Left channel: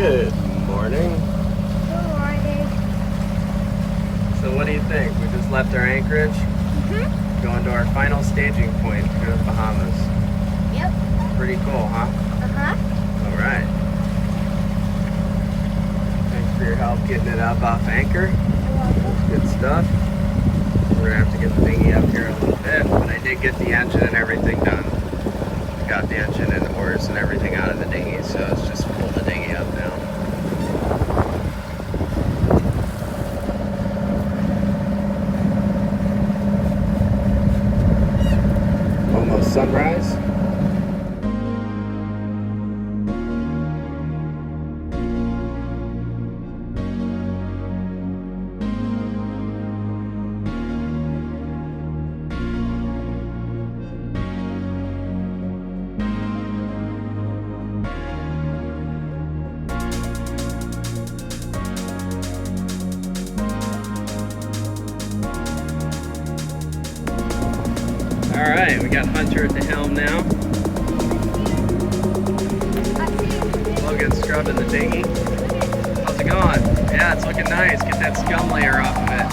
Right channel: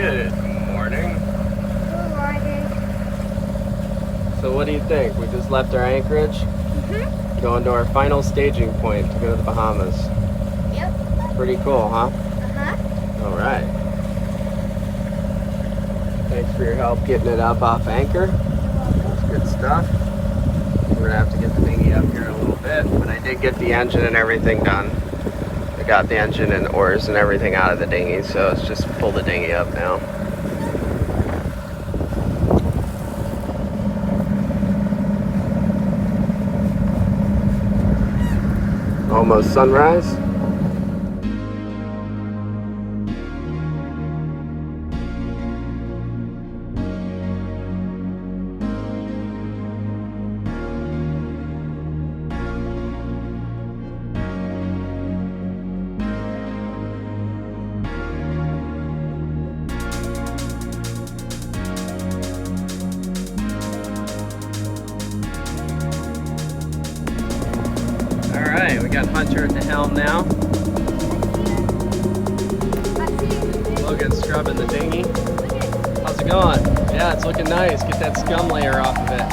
Good morning. Good morning. So what do you think? We just left our anchorage, going to our final staging point to go to the Bahamas. Yep. Pretty cool, huh? Uh-huh. All right. Thanks for your help getting it up off anchor. You're welcome. Good stuff. We're gonna have to get the dinghy up here in a little bit, but I did get the engine and everything done. I got the engine and the oars and everything out of the dinghy, so it's just pull the dinghy up now. Almost sunrise. Alright, we got Hunter at the helm now. Logan's scrubbing the dinghy. How's it going? Yeah, it's looking nice. Get that scum layer off of it.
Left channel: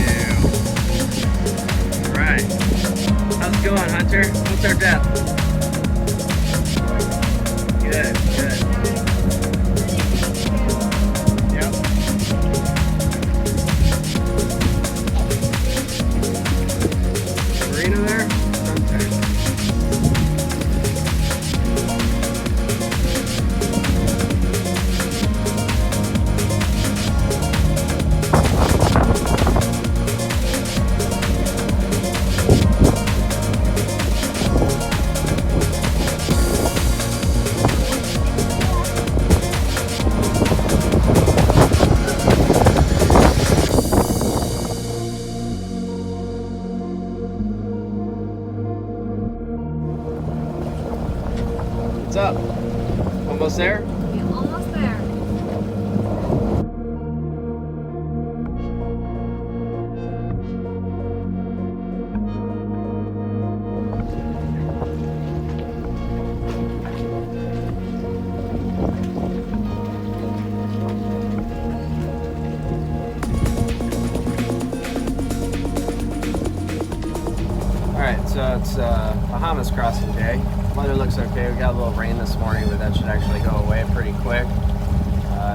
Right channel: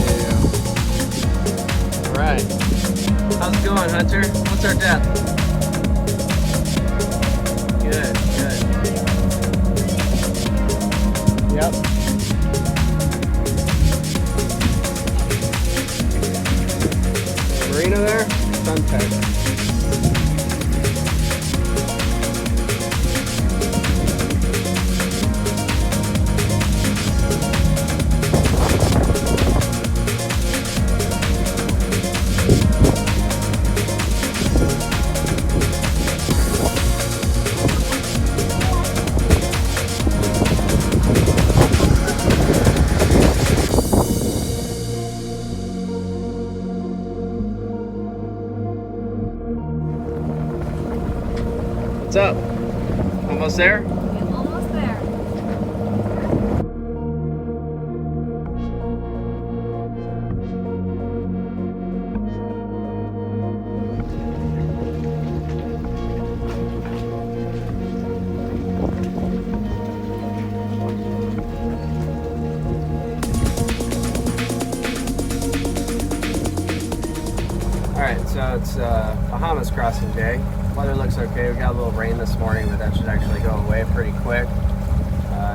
Ew. Alright. How's it going, Hunter? What's our depth? Good, good. Yep. Marina there? Sunset. What's up? Almost there? You're almost there. Alright, so it's Bahamas crossing day. Weather looks okay. We got a little rain this morning, but that should actually go away pretty quick.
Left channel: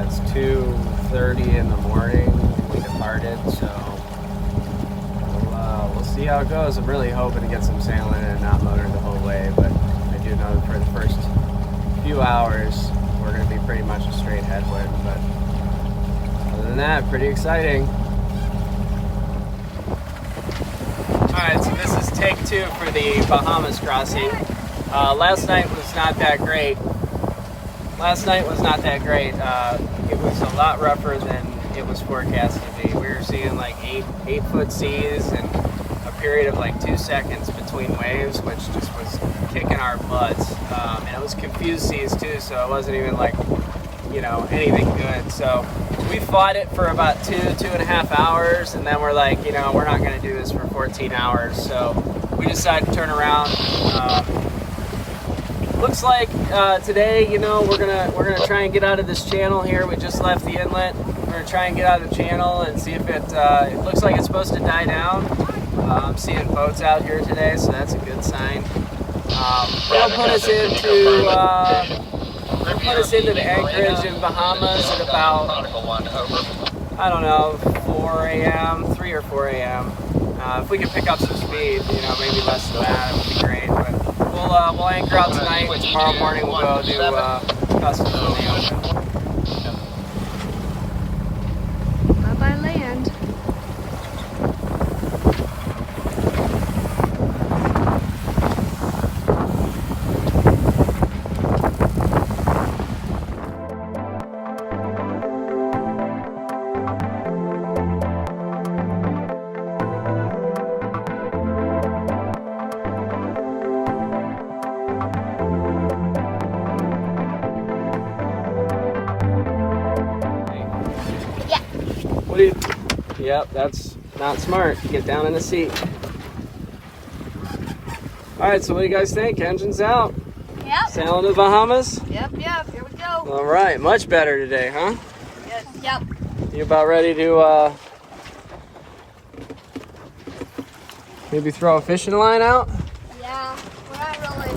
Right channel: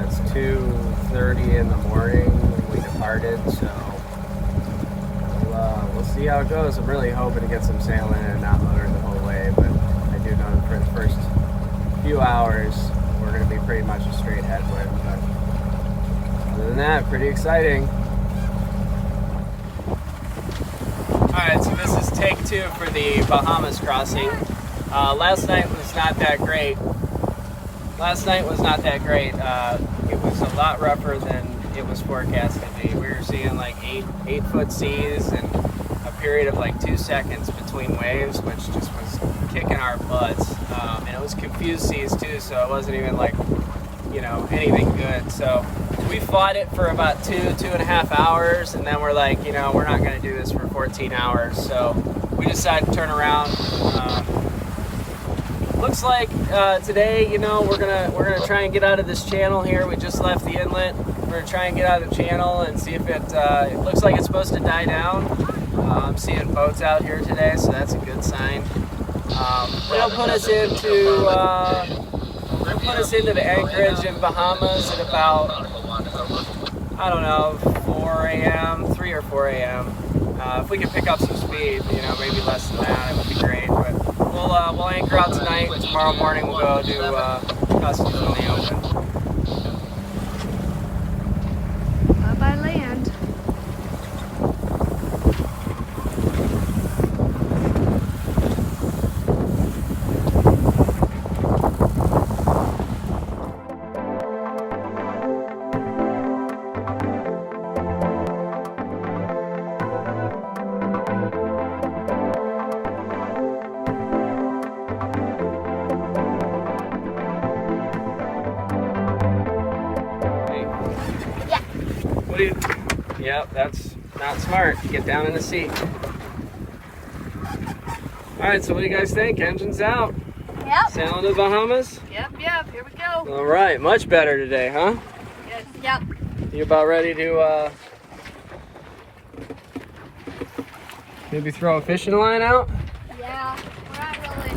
It's 2:30 in the morning when we departed, so we'll see how it goes. I'm really hoping to get some sailing and not motor the whole way, but I do know that for the first few hours we're going to be pretty much a straight headwind, but other than that, pretty exciting. Alright, so this is take 2 for the Bahamas crossing. Last night was not that great. It was a lot rougher than it was forecast to be. We were seeing like 8-foot seas and a period of like 2 seconds between waves, which just was kicking our butts. And it was confused seas too, so it wasn't even like, you know, anything good. So we fought it for about 2.5 hours, and then we're like, you know, we're not going to do this for 14 hours. So we decided to turn around. Looks like today, you know, we're gonna try and get out of this channel here. We just left the inlet. We're gonna try and get out of the channel and see if it looks like it's supposed to die down. I'm seeing boats out here today, so that's a good sign. It'll put us into the anchorage in Bahamas at about, I don't know, 4 a.m., 3 or 4 a.m. If we can pick up some speed, you know, maybe less than that, it would be great. But we'll anchor out tonight. Tomorrow morning we'll go do customs when they open. By land. Yep, that's not smart. Get down in the seat. All right, so what do you guys think? Engine's out. Yep. Sailing the Bahamas? Yep, here we go. All right, much better today, huh? Yep. You about ready to maybe throw a fishing line out? Yeah, we're not really.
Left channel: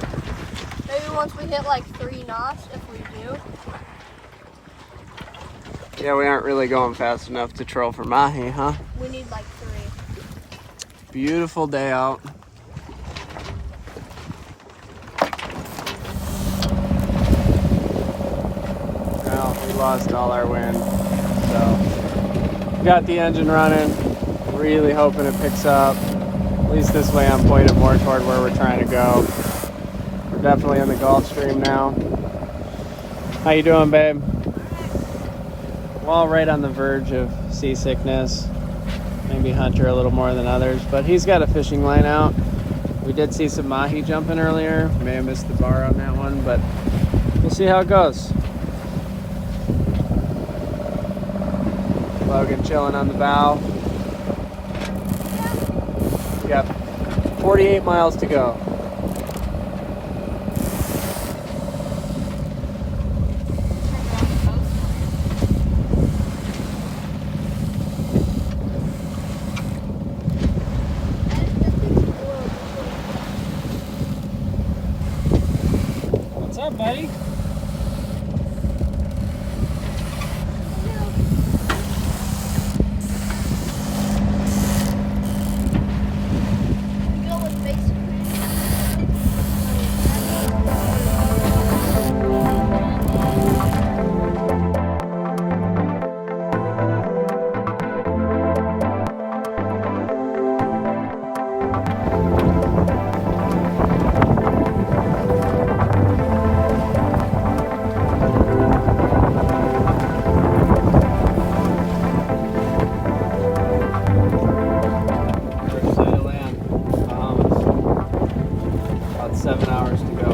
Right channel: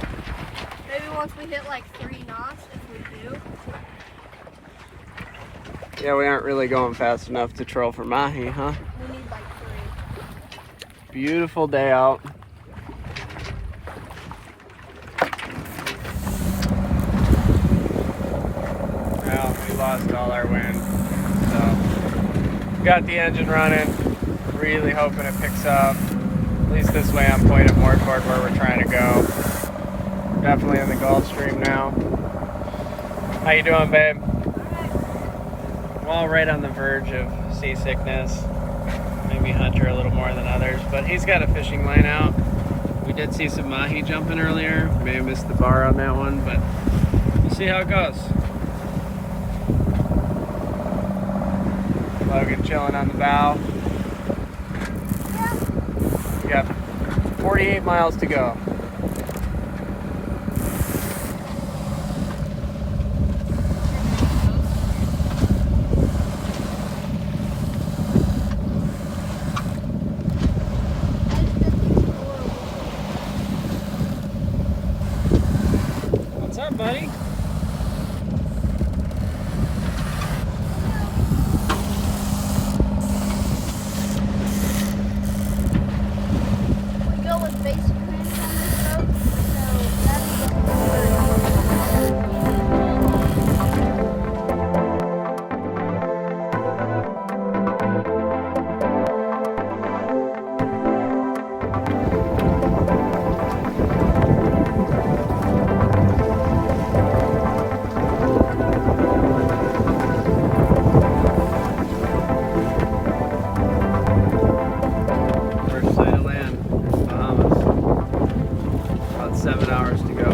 Maybe once we hit like 3 knots, if we do. Yeah, we aren't really going fast enough to troll for mahi, huh? We need like 3. Beautiful day out. Well, we lost all our wind, so got the engine running. Really hoping it picks up. At least this way I'm pointed more toward where we're trying to go. We're definitely in the Gulfstream now. How you doing, babe? We're all right on the verge of seasickness. Maybe Hunter a little more than others, but he's got a fishing line out. We did see some mahi jumping earlier. May have missed the bar on that one, but we'll see how it goes. Logan chilling on the bow. We got 48 miles to go. What's up, buddy? First sight of land, Bahamas. About 7 hours to go.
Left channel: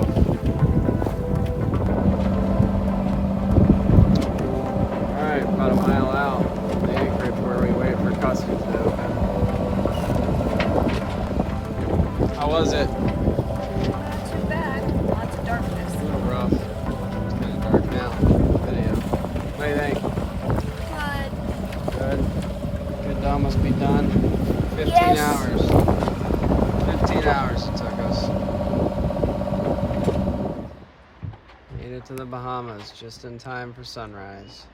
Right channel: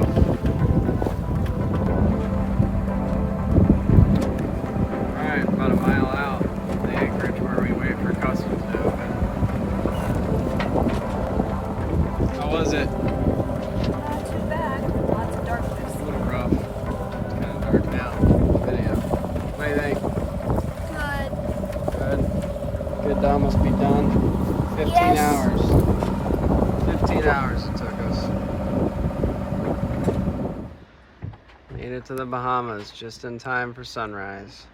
Alright, about a mile out. The anchorage where we wait for customs to open. How was it? Not too bad. Lots of darkness. A little rough. It's kind of dark now. Video. What do you think? Good. Good. Good to almost be done. 15 Yes. hours. 15 hours it took us. Made it to the Bahamas just in time for sunrise.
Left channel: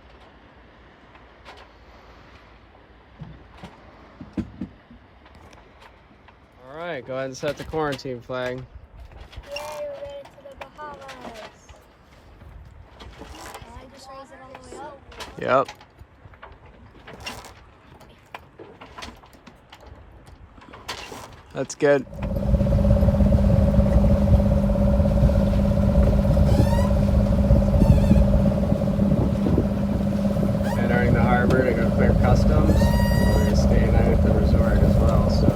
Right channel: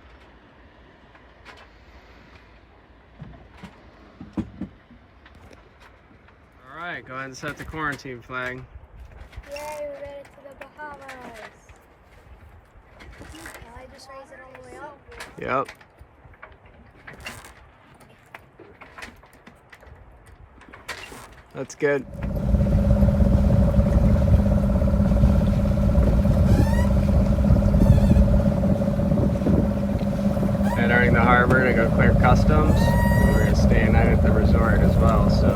All right, go ahead and set the quarantine flag. Yay, we made it to the Bahamas. I just raise it all the way up. Yep. That's good. Entering the harbor to go clear customs. We're gonna stay a night at the resort as well, so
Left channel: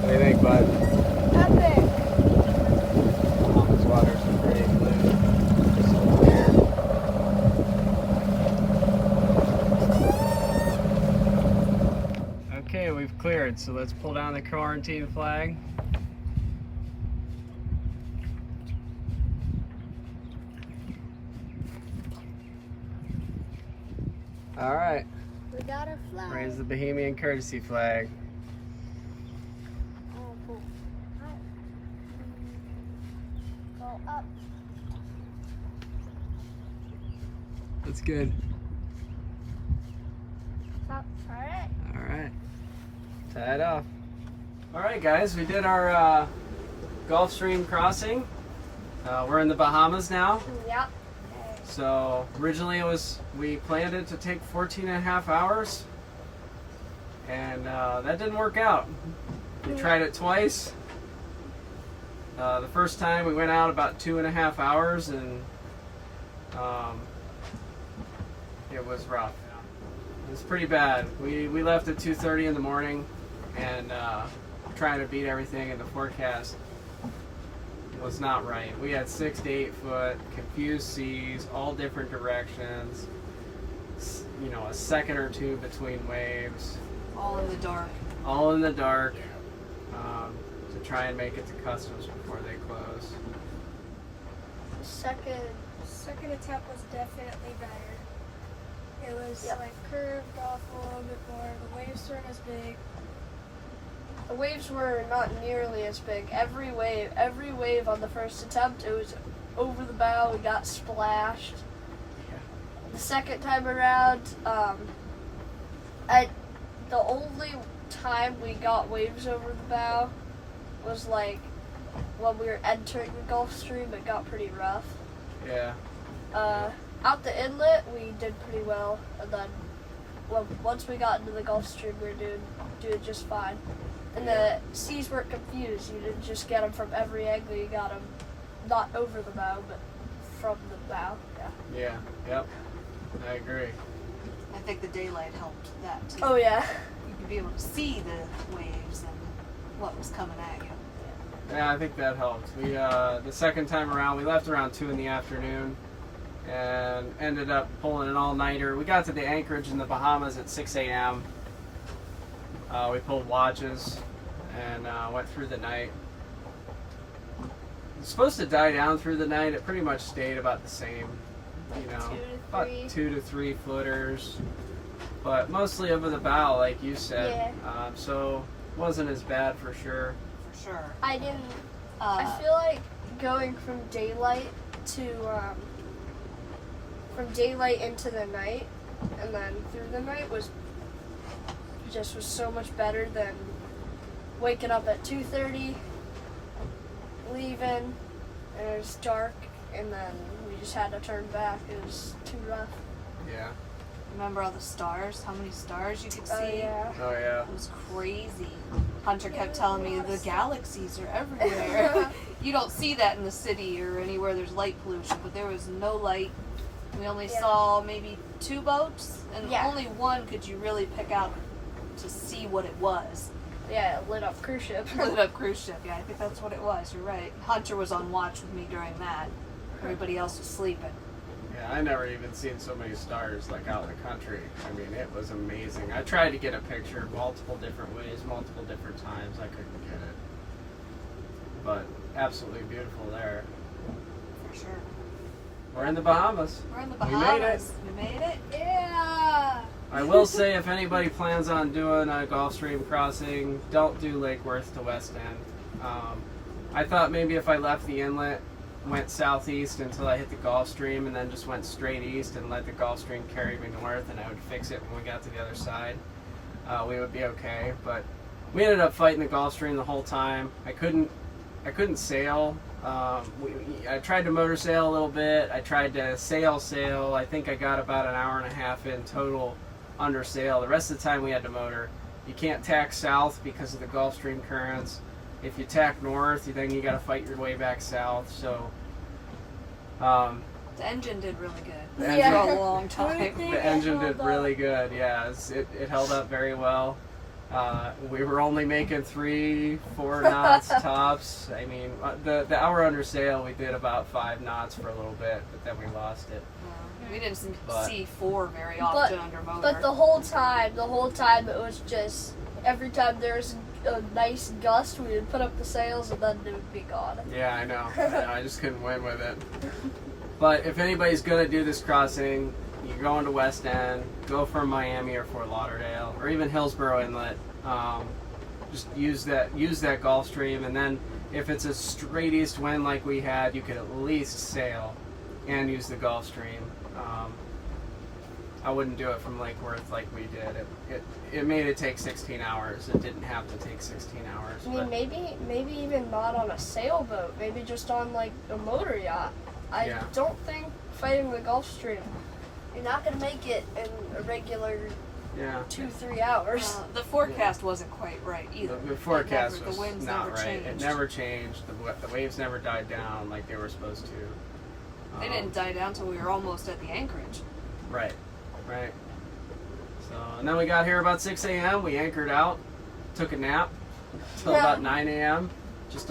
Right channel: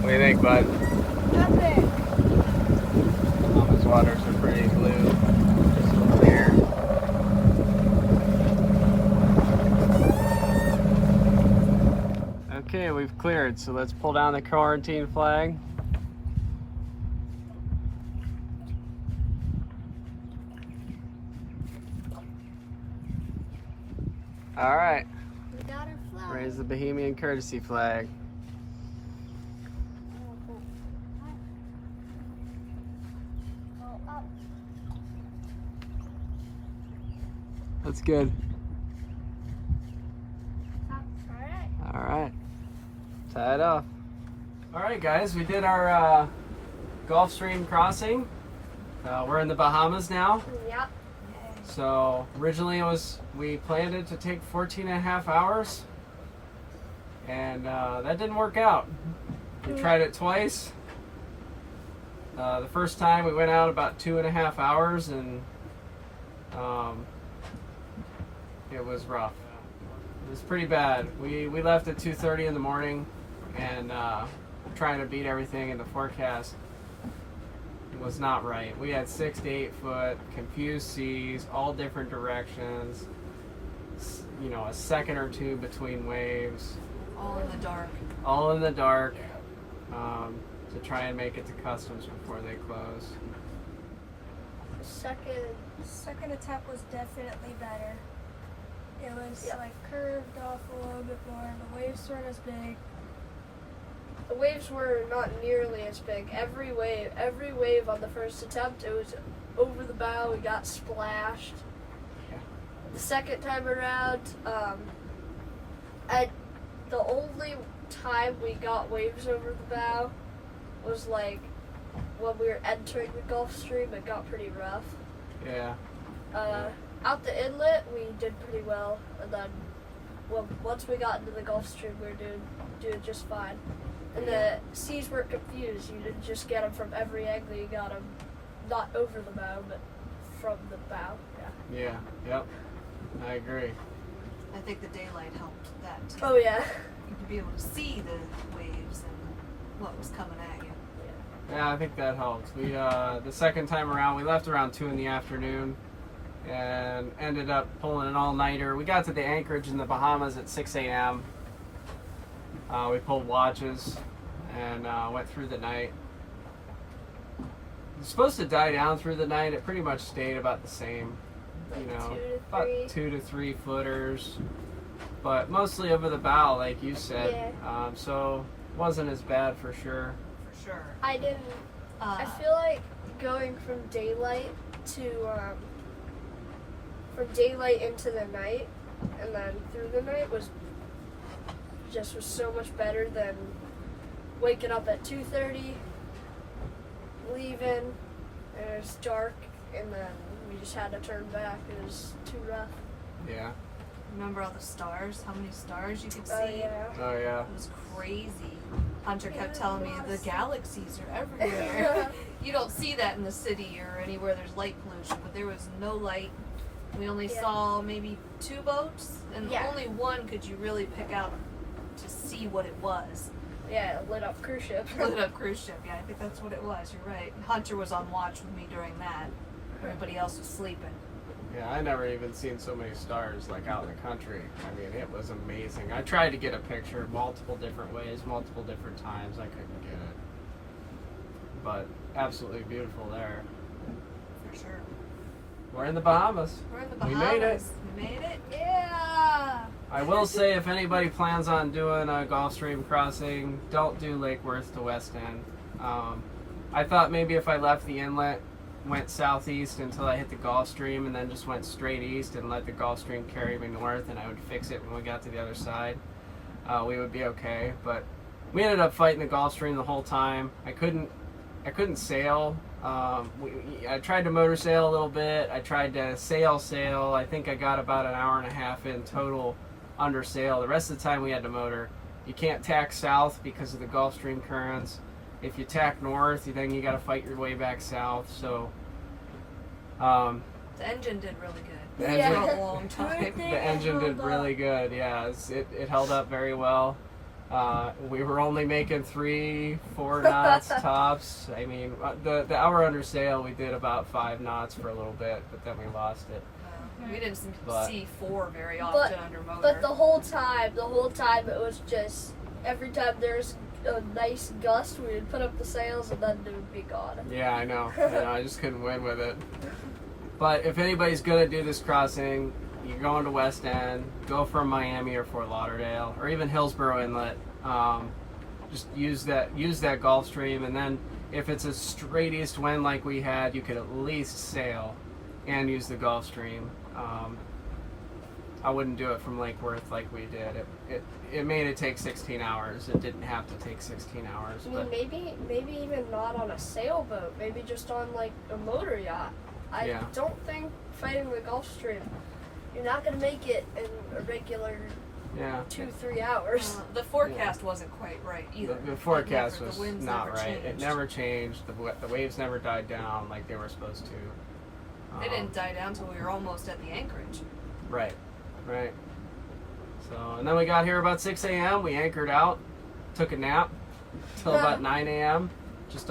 what do you think, bud? Epic. Bahamas waters are pretty blue, just clear. Okay, we've cleared, so let's pull down the quarantine flag. All right, We got our flag. raise the Bahamian courtesy flag. Oh, cool. Go up. That's good. All right. All right, tie it off. All right, guys, we did our Gulfstream crossing. We're in the Bahamas now. Yep. So originally we planned it to take 14 and a half hours, and that didn't work out. We tried it twice. The first time we went out about 2.5 hours, and it was rough. It was pretty bad. We left at 2:30 in the morning, and trying to beat everything in the forecast was not right. We had 6 to 8 foot, confused seas, all different directions. You know, a second or two between waves. All in the dark. All in the dark. To try and make it to customs before they close. Second attempt was definitely better. It was like curved off a little bit more. The waves weren't as big. The waves were not nearly as big. Every wave on the first attempt, it was over the bow. We got splashed. The second time around, the only time we got waves over the bow was like when we were entering the Gulfstream. It got pretty rough. Yeah. Out the inlet, we did pretty well, and then once we got into the Gulfstream, we were doing just fine. And the seas weren't confused. You didn't just get them from every angle. You got them not over the bow, but from the bow. Yeah. Yep. I agree. I think the daylight helped that too. Oh yeah. You could be able to see the waves and what was coming at you. Yeah, I think that helped. We the second time around, we left around 2 in the afternoon and ended up pulling an all-nighter. We got to the anchorage in the Bahamas at 6 a.m. We pulled watches and went through the night. It's supposed to die down through the night. It pretty much stayed about the same, about 2 to 3 footers, but mostly over the bow, like you said. Yeah. So wasn't as bad for sure. For sure. I didn't. I feel like going from daylight into the night and then through the night was so much better than waking up at 2:30, leaving, and it was dark, and then we just had to turn back. It was too rough. Yeah. Remember all the stars? How many stars you could see? Yeah. Oh yeah. It was crazy. Hunter kept telling me the galaxies are everywhere. You don't see that in the city or anywhere there's light pollution, but there was no light. We only saw maybe 2 boats, and only one could you really pick out to see what it was. Yeah, lit up cruise ship. Lit up cruise ship, yeah, I think that's what it was, you're right. Hunter was on watch with me during that. Everybody else was sleeping. Yeah, I never even seen so many stars like out in the country. I mean, it was amazing. I tried to get a picture multiple different ways, multiple different times. I couldn't get it. But absolutely beautiful there. For sure. We're in the Bahamas. We're in the We made Bahamas. We made it. Yeah. I will say, if anybody plans on doing a Gulfstream crossing, don't do Lake Worth to West End. I thought maybe if I left the inlet, went southeast until I hit the Gulfstream, and then just went straight east and let the Gulfstream carry me north, and I would fix it when we got to the other side, we would be okay. But we ended up fighting the Gulfstream the whole time. I couldn't sail. I tried to motor sail a little bit. I tried to sail. I think I got about an hour and a half in total under sail. The rest of the time we had to motor. You can't tack south because of the Gulfstream currents. If you tack north, then you got to fight your way back south. So The engine did really good. The engine- For a long time. the engine did really good. Yeah, it held up very well. We were only making 3-4 knots tops. I mean, the hour under sail, we did about 5 knots for a little bit, but then we lost it. We didn't But- see 4 very often under motor. But the whole time it was just every time there's a nice gust, we would put up the sails and then it would be gone. Yeah, I know. I just couldn't win with it. But if anybody's gonna do this crossing, you're going to West End, go from Miami or Fort Lauderdale, or even Hillsborough Inlet. Just use that Gulfstream, and then if it's a straight east wind like we had, you could at least sail and use the Gulfstream. I wouldn't do it from Lake Worth like we did. It made it take 16 hours. It didn't have to take 16 hours. I mean, maybe even not on a sailboat. Maybe just on like a motor yacht. I don't think fighting the Gulfstream, you're not gonna make it in a regular 2-3 hours. The forecast wasn't quite right either. The forecast the was winds not never right. changed. It never changed. The waves never died down like they were supposed to. They didn't die down until we were almost at the anchorage. Right. So, and then we got here about 6 a.m. We anchored out, took a nap till about 9 a.m. Just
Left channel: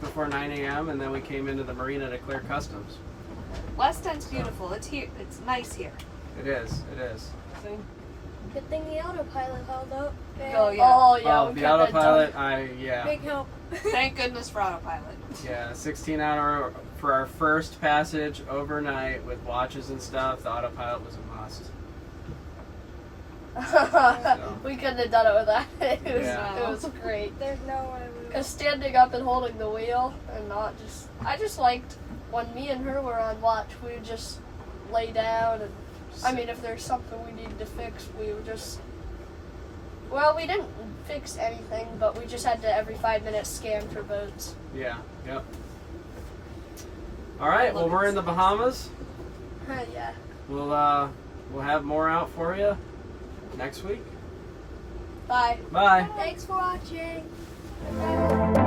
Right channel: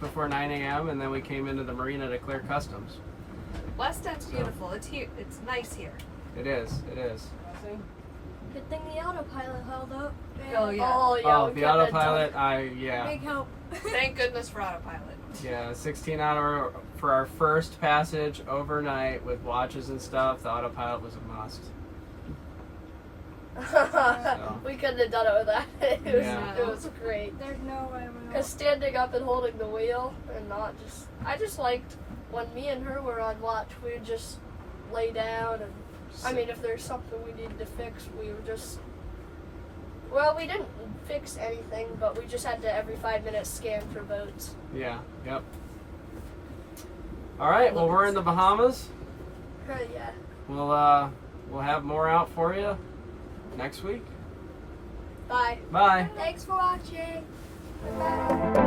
before 9 a.m. and then we came into the marina to clear customs. West End's beautiful. It's here. It's nice here. It is. Good thing the autopilot held up. Oh yeah. Oh, the autopilot. Big help. Thank goodness for autopilot. Yeah, 16-hour for our first passage overnight with watches and stuff, the autopilot was a must. We couldn't have done it without it. Yeah. It was great. There's no way we would. Because standing up and holding the wheel and I just liked when me and her were on watch, we would just lay down and, I mean, if there's something we needed to fix, we would just, well, we didn't fix anything, but we just had to every 5 minutes scan for boats. Yeah, yep. All right, well, we're in the Bahamas. Yeah. We'll have more out for you next week. Bye. Bye. Thanks for watching. Bye.